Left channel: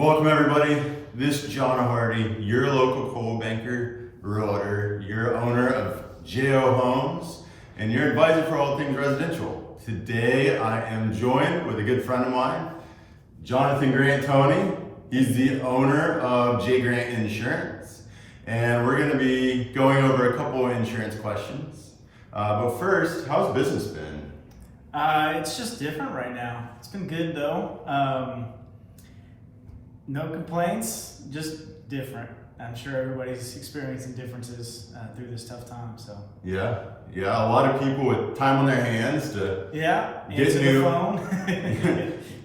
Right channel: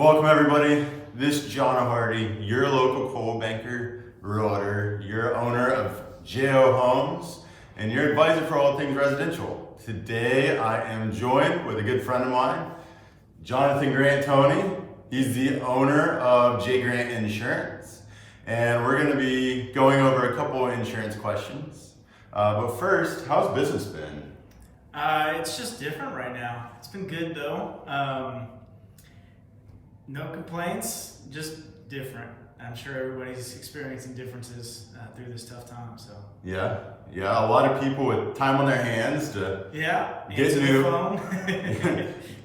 Welcome everybody. This is John O'Hardy, your local coal banker, realtor, your owner of JO Homes, and your advisor for all things residential. Today I am joined with a good friend of mine, Jonathan Grant Tony. He's the owner of J Grant Insurance, and we're going to be going over a couple of insurance questions. But first, how's business been? It's just different right now. It's been good though. No complaints, just different. I'm sure everybody's experiencing differences through this tough time. So Yeah, a lot of people with time on their hands to get new the phone.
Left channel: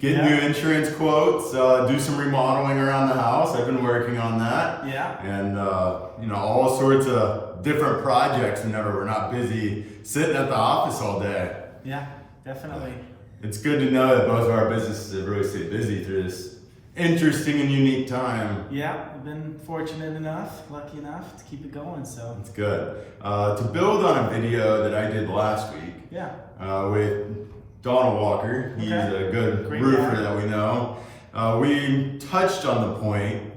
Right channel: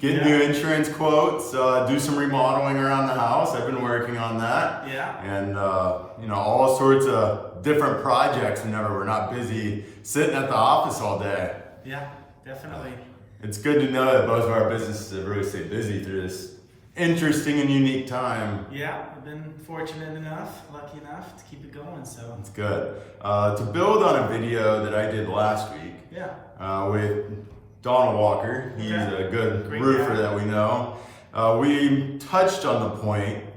get new insurance quotes, do some remodeling around the house. I've been working on that. Yeah. And all sorts of different projects whenever we're not busy sitting at the office all day. Yeah, definitely. It's good to know that both of our businesses have really stayed busy through this interesting and unique time. Yeah, I've been fortunate enough, lucky enough to keep it going. So it's good. To build on a video that I did last week. Yeah. With Donald Walker. He's a good Great roofer guy that we know. We touched on the point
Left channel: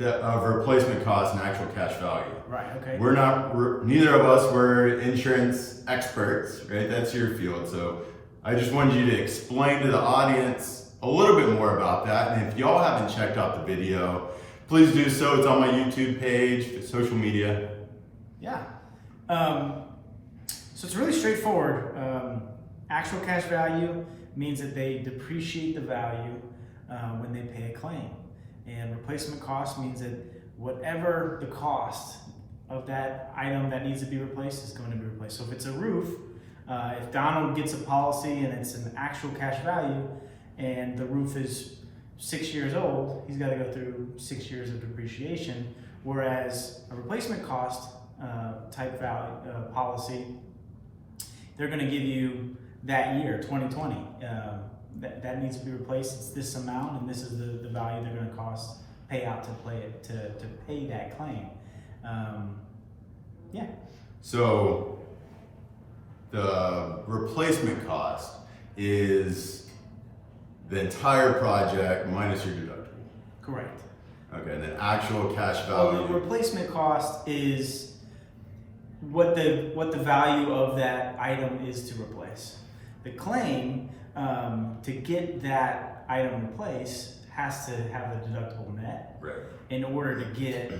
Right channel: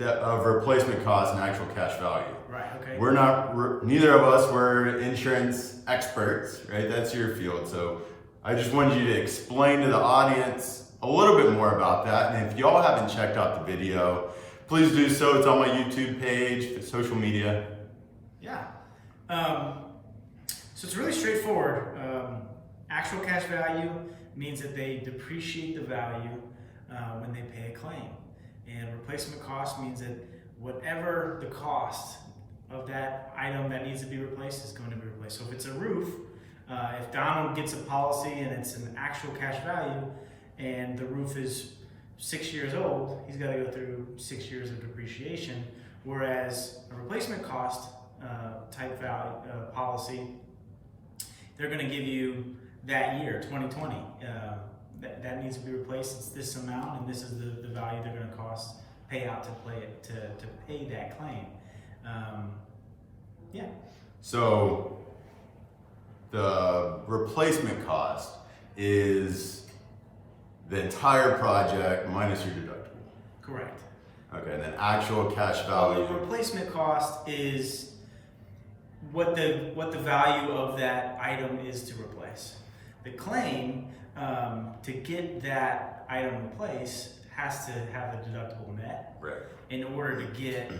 of replacement cost and actual cash value. Right. Okay. Neither of us were insurance experts, right? That's your field. So I just wanted you to explain to the audience a little bit more about that. And if y'all haven't checked out the video, please do so. It's on my YouTube page, social media. Yeah. So it's really straightforward. Actual cash value means that they depreciate the value when they pay a claim. And replacement cost means that whatever the cost of that item that needs to be replaced is going to be replaced. So if it's a roof, if Donald gets a policy and it's an actual cash value and the roof is 6 years old, he's got to go through 6 years of depreciation. Whereas a replacement cost type value policy, they're going to give you that year, 2020. That needs to be replaced. It's this amount, and this is the value they're going to pay out to pay that claim. Yeah. So the replacement cost is the entire project minus your deductible. Correct. Okay, and then actual cash value. Well, the replacement cost is what the value of that item is to replace. The claim to get that item replaced has to have the deductible met in order to get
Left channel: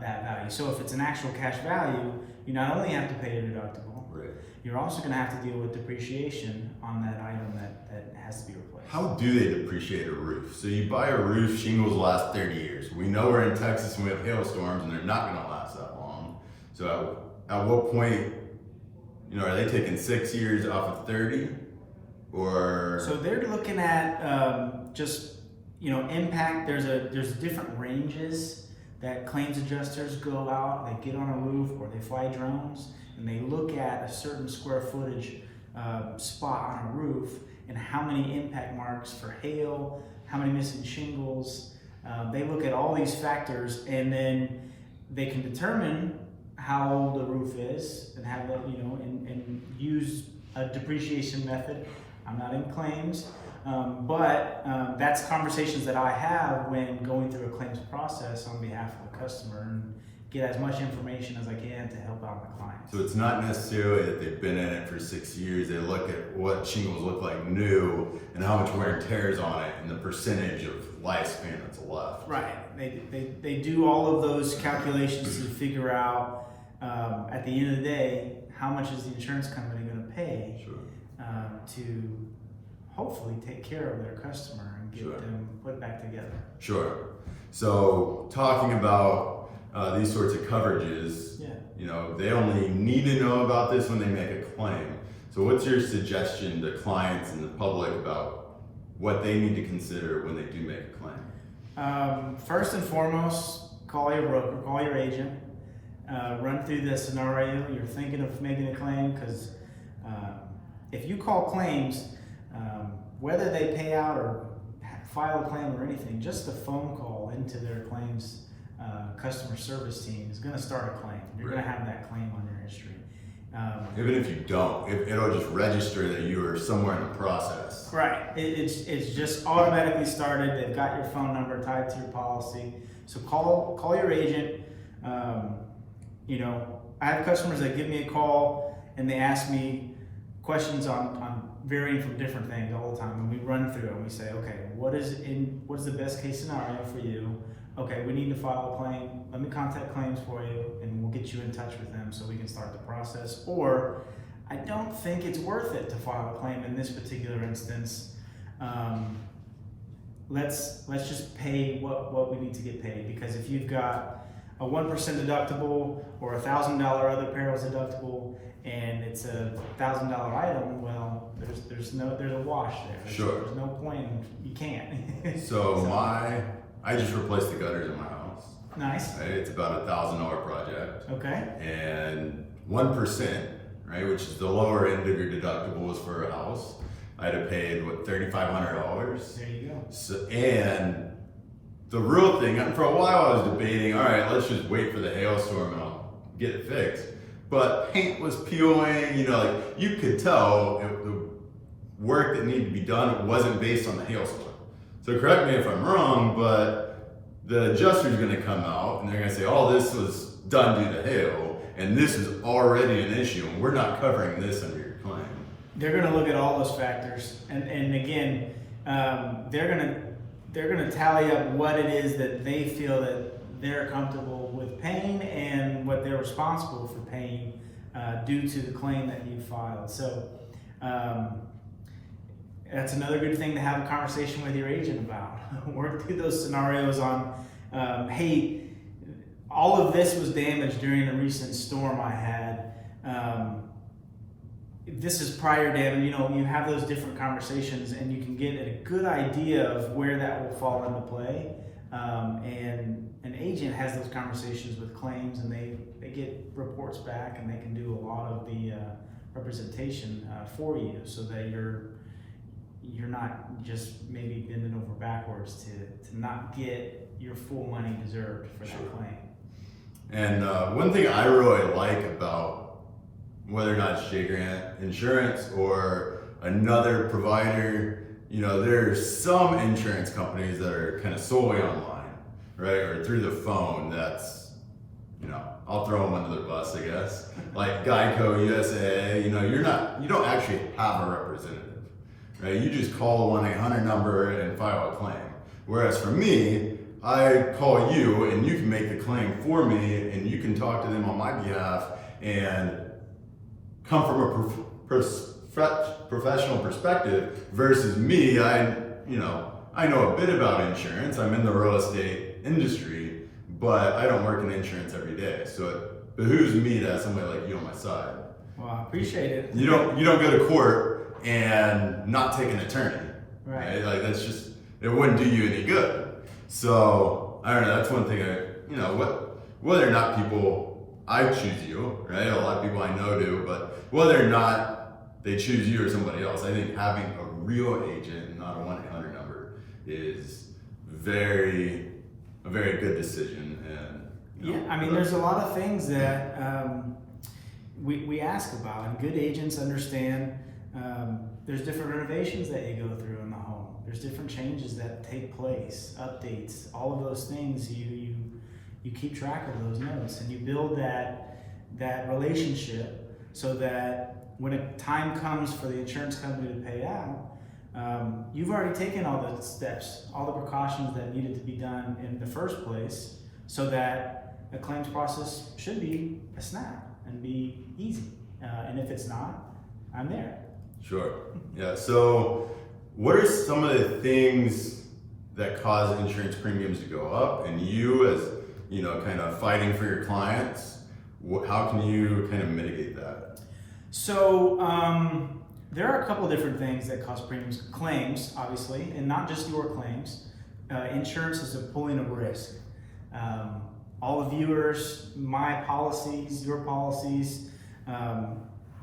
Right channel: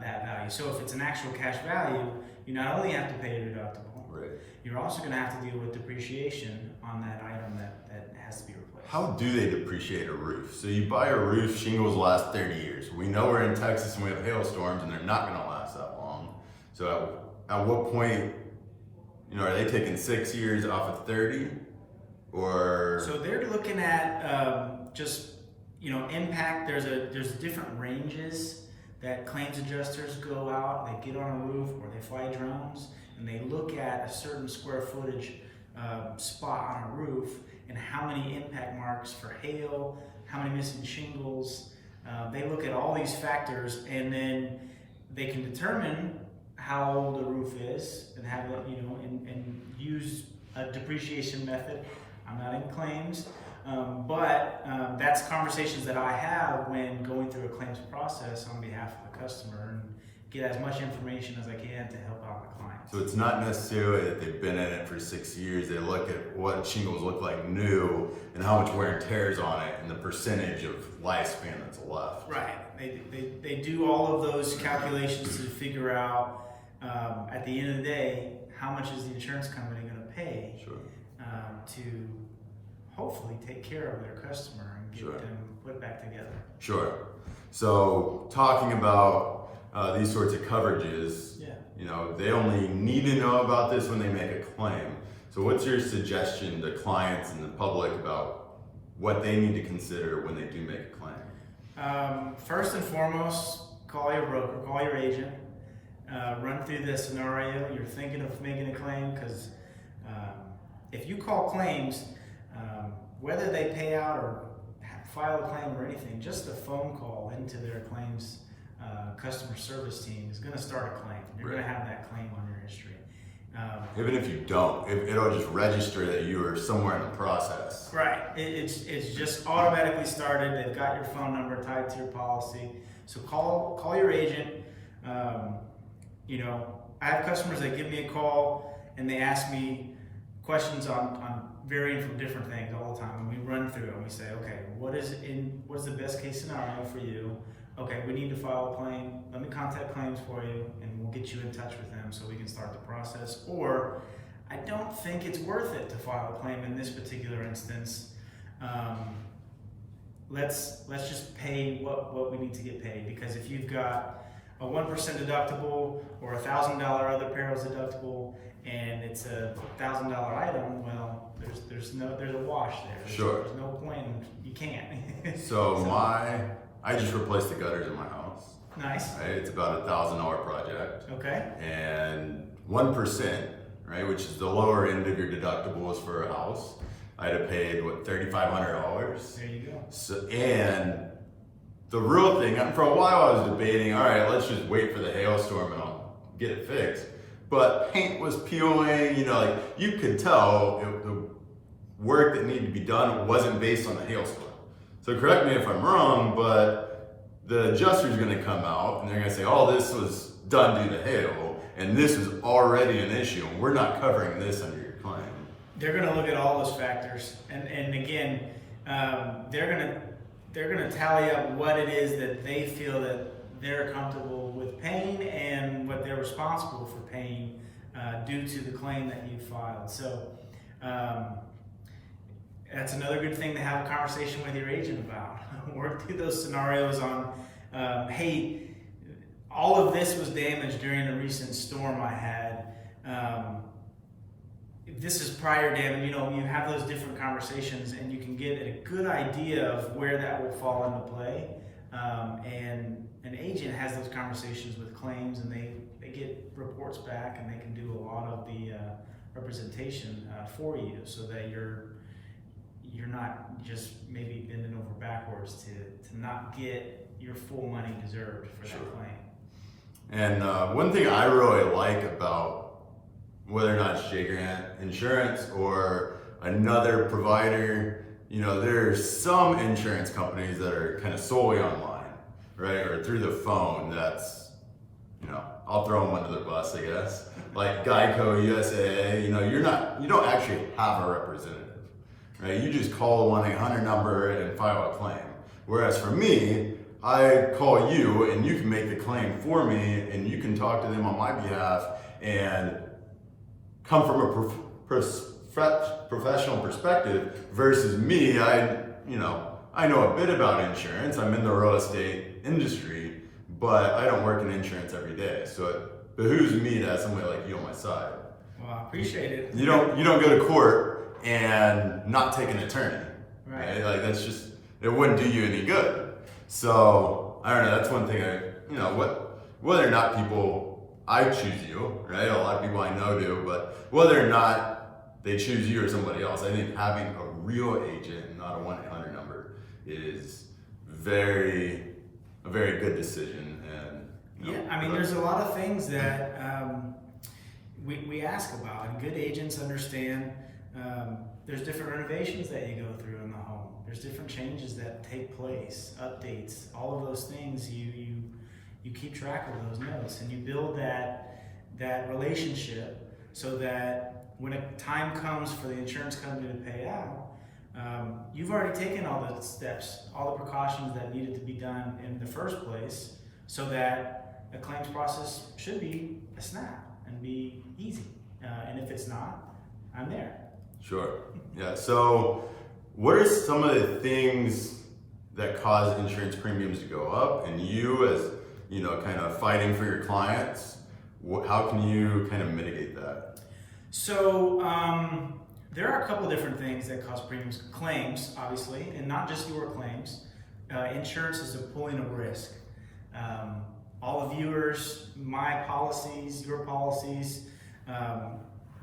that value. So if it's an actual cash value, you not only have to pay a deductible, you're also going to have to deal with depreciation on that item that has to be replaced. How do they depreciate a roof? So you buy a roof, shingles last 30 years. We know we're in Texas and we have hailstorms and they're not going to last that long. So at what point, are they taking 6 years off of 30? Or so they're looking at just impact. There's different ranges that claims adjusters go out. They get on a roof or they fly drones and they look at a certain square footage spot on a roof and how many impact marks for hail, how many missing shingles. They look at all these factors and then they can determine how old the roof is and have it, and use a depreciation method. I'm not in claims, but that's conversations that I have when going through a claims process on behalf of the customer and get as much information as I can to help out my clients. So it's not necessarily that they've been in it for 6 years. They look at what shingles look like new and how much wear and tear is on it and the percentage of lifespan that's left. Right. They do all of those calculations to figure out at the end of the day how much is the insurance company going to pay to hopefully take care of their customer and get them put back together. Sure. So talking about these sorts of coverages, they only need to know about this when they make a claim. So what's your suggestion to clients and the public about what they need to consider when they do make a claim? First and foremost, call your broker, call your agent, run through the scenario you're thinking of making a claim, because if you call claims, whether they pay out or file a claim or anything, just a phone call into their claims customer service team is going to start a claim. You're going to have that claim on your history. Even if you don't, it'll just register that you are somewhere in the process. Right. It's just automatically started. They've got your phone number tied to your policy. So call your agent. You know, I have customers that give me a call and they ask me questions on varying from different things all the time, and we run through it and we say, okay, what is the best case scenario for you? Okay, we need to file a claim. Let me contact claims for you, and we'll get you in touch with them so we can start the process. Or I don't think it's worth it to file a claim in this particular instance. Let's just pay what we need to get paid, because if you've got a 1% deductible or $1,000 other perils deductible and it's a $1,000 item, well, there's a wash there. Sure. There's no point. You can't. So I just replaced the gutters in my house. Nice. Right? It's about $1,000 project. Okay. And 1%, right, which is the lower end of your deductibles for a house, I'd have paid $3,500. There you go. So, and the real thing, and for a while I was debating, all right, let's just wait for the hailstorm and I'll get it fixed. But paint was peeling, you know, like you could tell the work that needed to be done wasn't based on the hailstorm. So correct me if I'm wrong, but the adjuster's gonna come out and they're gonna say, oh, this was done due to hail, and this is already an issue, and we're not covering this under your claim. They're going to look at all those factors, and again, they're going to tally up what it is that they feel that they're comfortable with paying and what they're responsible for paying due to the claim that you filed. So that's another good thing to have a conversation with your agent about. Work through those scenarios on, hey, all of this was damaged during a recent storm I had. This is prior damage. You know, you have those different conversations and you can get a good idea of where that will fall into play. And an agent has those conversations with claims, and they get reports back, and they can do a lot of the representation for you, so that you're not just maybe bending over backwards to not get your full money deserved for that claim. And one thing I really like about whether or not it's J Grant Insurance or another provider, you know, there's some insurance companies that are kind of solely online, right? Or through the phone. That's, you know, I'll throw them under the bus, I guess. Like Geico, USA, you know, you don't actually have a representative, right? You just call the 1-800 number and file a claim. Whereas for me, I call you and you can make the claim for me, and you can talk to them on my behalf and come from a professional perspective versus me. I know a bit about insurance. I'm in the real estate industry, but I don't work in insurance every day. So it behooves me to have somebody like you on my side. Well, I appreciate it. You don't go to court and not take an attorney, right? Like that's just, it wouldn't do you any good. So I don't know. That's one thing whether or not I choose you, right? A lot of people I know do, but whether or not they choose you or somebody else, I think having a real agent, not a 1-800 number, is a very good decision. And I mean, there's a lot of things that we ask about, and good agents understand. There's different renovations that you go through in the home. There's different changes that take place, updates, all of those things. You keep track of those notes, and you build that relationship so that when a time comes for the insurance company to pay out, you've already taken all the steps, all the precautions that needed to be done in the first place, so that the claims process should be a snap and be easy. And if it's not, I'm there. Sure. Yeah. So what are some of the things that cause insurance premiums to go up, and you as, you know, kind of fighting for your clients, how can you kind of mitigate that? So there are a couple of different things that cause premiums. Claims, obviously, and not just your claims. Insurance is a pooling of risk. All the viewers, my policies, your policies,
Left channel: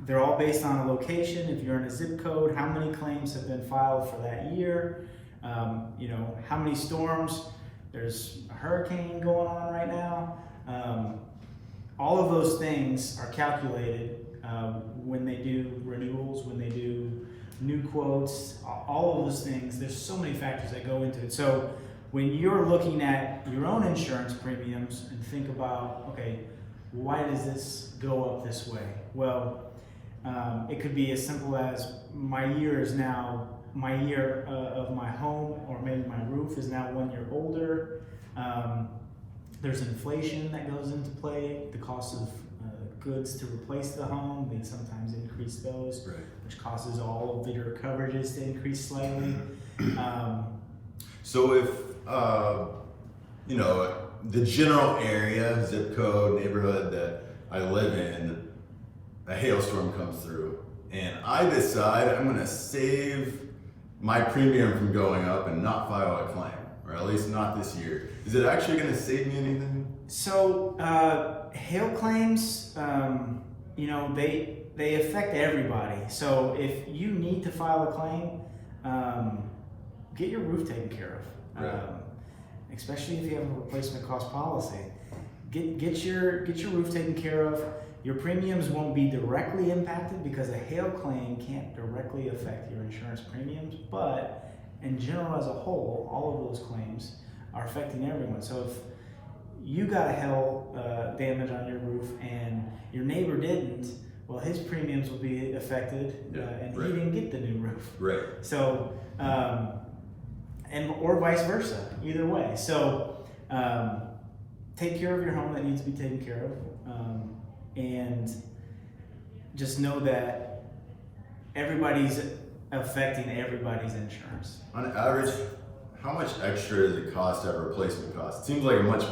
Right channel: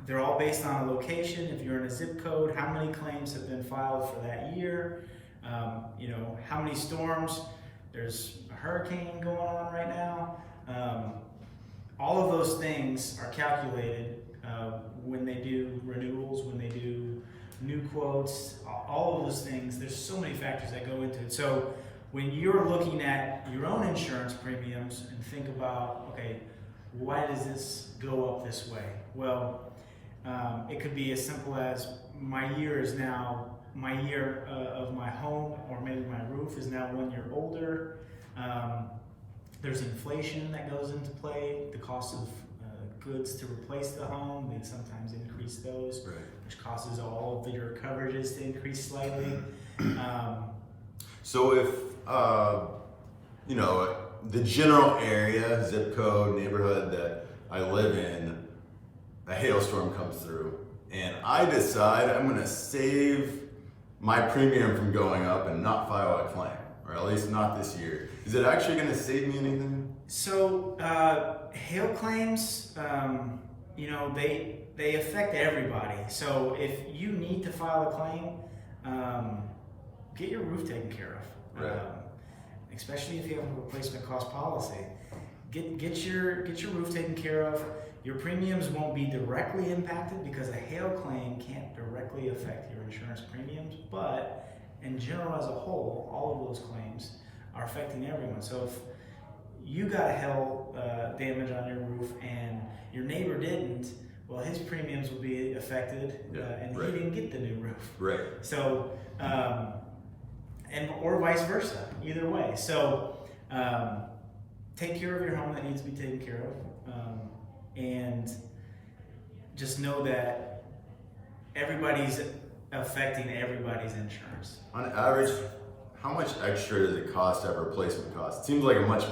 they're all based on a location. If you're in a zip code, how many claims have been filed for that year? How many storms? There's a hurricane going on right now. All of those things are calculated when they do renewals, when they do new quotes, all of those things. There's so many factors that go into it. So when you're looking at your own insurance premiums and think about, okay, why does this go up this way? Well, it could be as simple as my year of my home, or maybe my roof is now 1 year older. There's inflation that goes into play, the cost of goods to replace the home, they sometimes increase those, Right. which causes all of your coverages to increase slightly. So if, the general area, zip code, neighborhood that I live in, a hailstorm comes through, and I decide I'm gonna save my premium from going up and not file a claim, or at least not this year, is it actually gonna save me anything? So hail claims, they affect everybody. So if you need to file a claim, get your roof taken care of. Right. Especially if you have a replacement cost policy. Get your roof taken care of. Your premiums won't be directly impacted because a hail claim can't directly affect your insurance premiums, but in general as a whole, all of those claims are affecting everyone. So if you got a hail damage on your roof and your neighbor didn't, well, his premiums will be affected, and right. he didn't get the new roof. Right. So, or vice versa, either way. So, take care of your home that needs to be taken care of, and just know that everybody's affecting everybody's insurance. On average, how much extra does it cost to have replacement cost? It seems like a much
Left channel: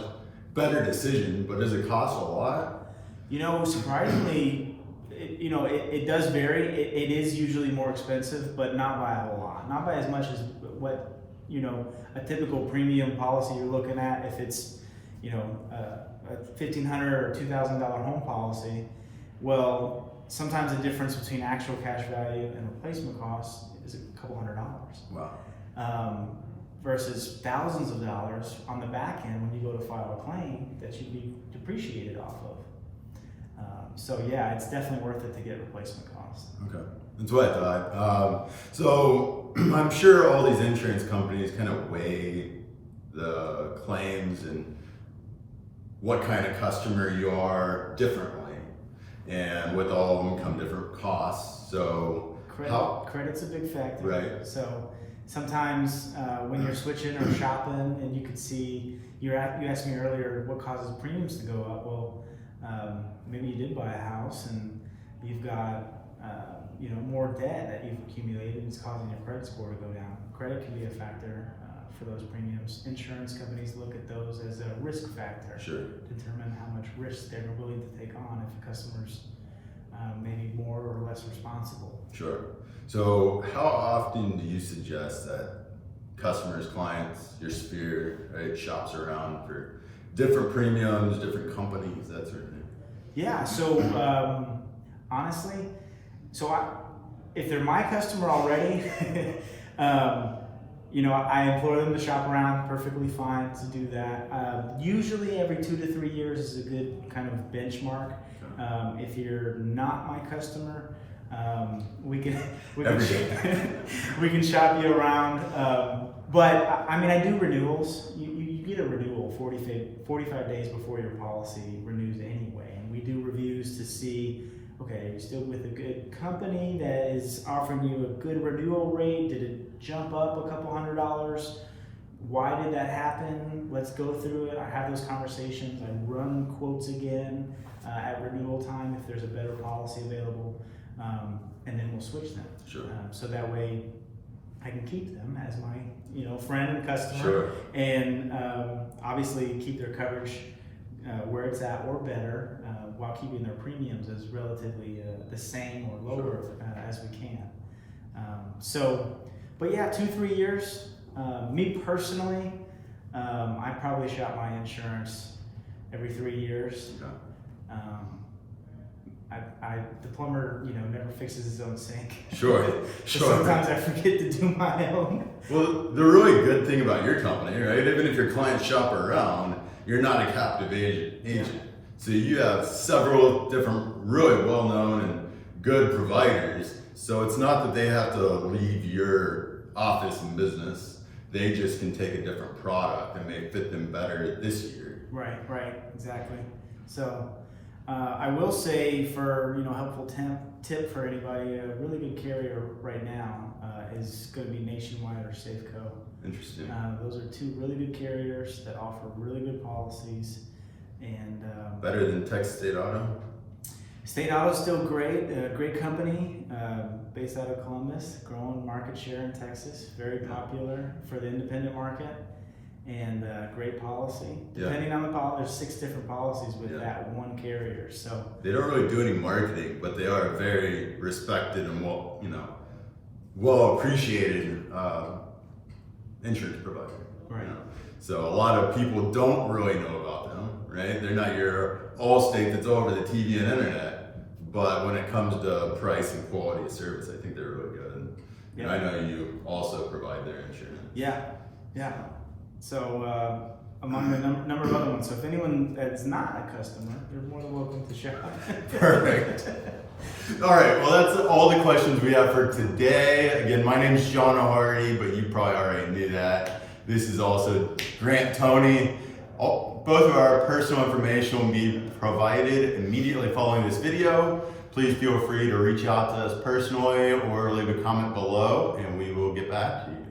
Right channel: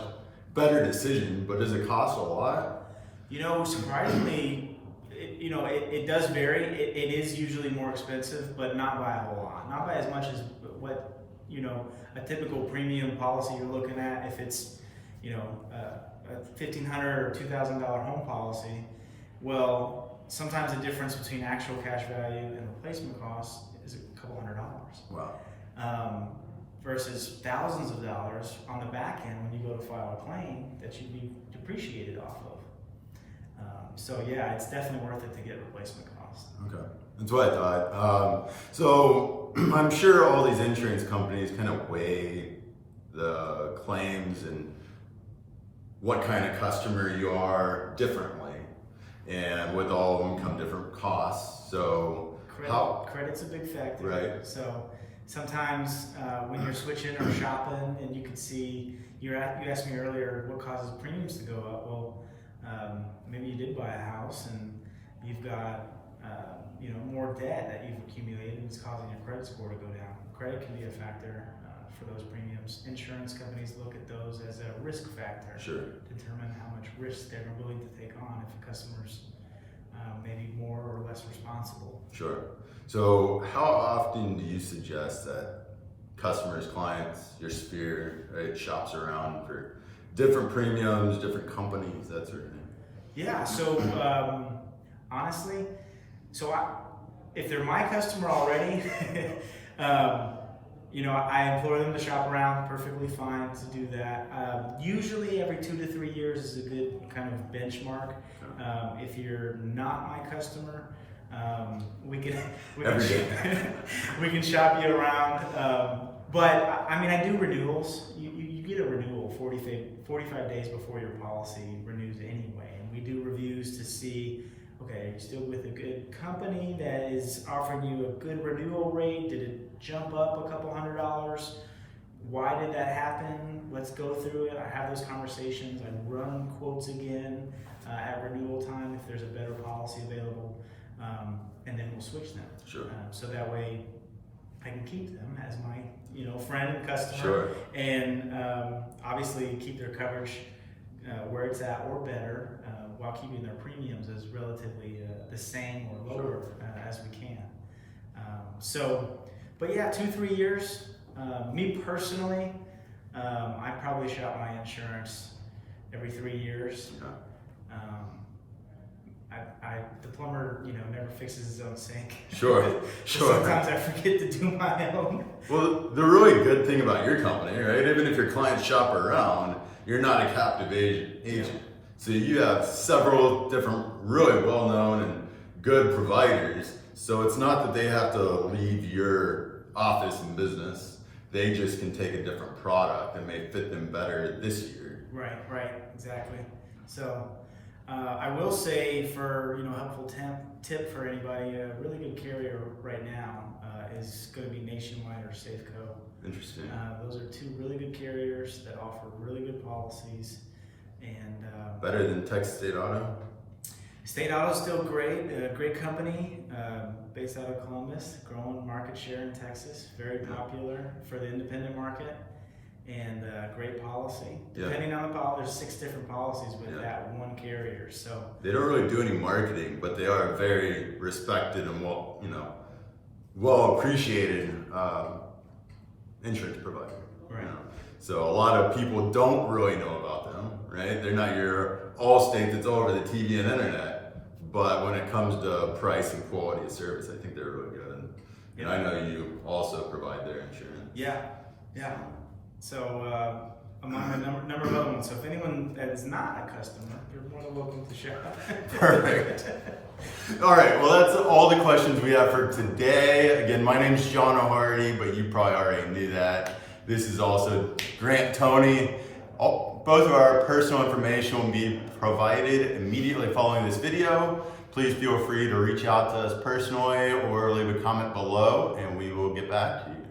better decision, but does it cost a lot? Surprisingly, it does vary. It is usually more expensive, but not by a whole lot. Not by as much as what, a typical premium policy you're looking at. If it's, a $1,500 or $2,000 home policy, well, sometimes the difference between actual cash value and replacement costs is a couple $100. Wow. Versus thousands of dollars on the back end when you go to file a claim that you'd be depreciated off of. So yeah, it's definitely worth it to get replacement costs. Okay, that's what I thought. So I'm sure all these insurance companies kind of weigh the claims and what kind of customer you are differently, and with all of them come different costs. So Credit's a big factor. Right. So sometimes when you're switching or shopping, and you could see, you asked me earlier what causes premiums to go up. Well, maybe you did buy a house and you've got more debt that you've accumulated, and it's causing your credit score to go down. Credit can be a factor for those premiums. Insurance companies look at those as a risk factor. Sure. To determine how much risk they're willing to take on if a customer's maybe more or less responsible. Sure. So how often do you suggest that customers, clients, your sphere, right, shops around for different premiums, different companies, that sort of thing? Yeah, so honestly, if they're my customer already, I implore them to shop around. Perfectly fine to do that. Usually every 2 to 3 years is a good kind of benchmark. If you're not my customer, we can we can shop you around. But I do renewals. You get a renewal 45 days before your policy renews anyway, and we do reviews to see, okay, are you still with a good company that is offering you a good renewal rate? Did it jump up a couple $100? Why did that happen? Let's go through it. I have those conversations. I run quotes again at renewal time if there's a better policy available, and then we'll switch them. Sure. So that way I can keep them as my friend and customer. Sure. And obviously keep their coverage where it's at or better, while keeping their premiums as relatively the same or lower as we can. But yeah, 2-3 years. Me personally, I probably shop my insurance every 3 years. Okay. The plumber, never fixes his own sink. Sure. So Sure. sometimes I forget to do my own. Well, the really good thing about your company, right? Even if your clients shop around, you're not a captive agent. So you have several different, really well-known and good providers. So it's not that they have to leave your office and business. They just can take a different product and may fit them better this year. Right, exactly. So I will say, for helpful tip for anybody, a really good carrier right now is going to be Nationwide or Safeco. Interesting. Those are two really good carriers that offer really good policies. And better than Texas State Auto? State Auto is still great, great company, based out of Columbus, growing market share in Texas, very popular for the independent market, and great policy. Depending on the policy, there's 6 different policies with that one carrier. So they don't really do any marketing, but they are very respected and well appreciated insurance provider. Right. So a lot of people don't really know about them, right? They're not your Allstate that's all over the TV and internet. But when it comes to price and quality of service, I think they're really good. And I know you also provide their insurance. Yeah. So among the number of other ones. So if anyone that's not a customer, you're more than welcome to shop. Perfect. All right, well, that's all the questions we have for today. Again, my name is John O'Hardy, but you probably already knew that. This is also Grant Tony. Both of our personal information will be provided immediately following this video. Please feel free to reach out to us personally or leave a comment below, and we will get back to you.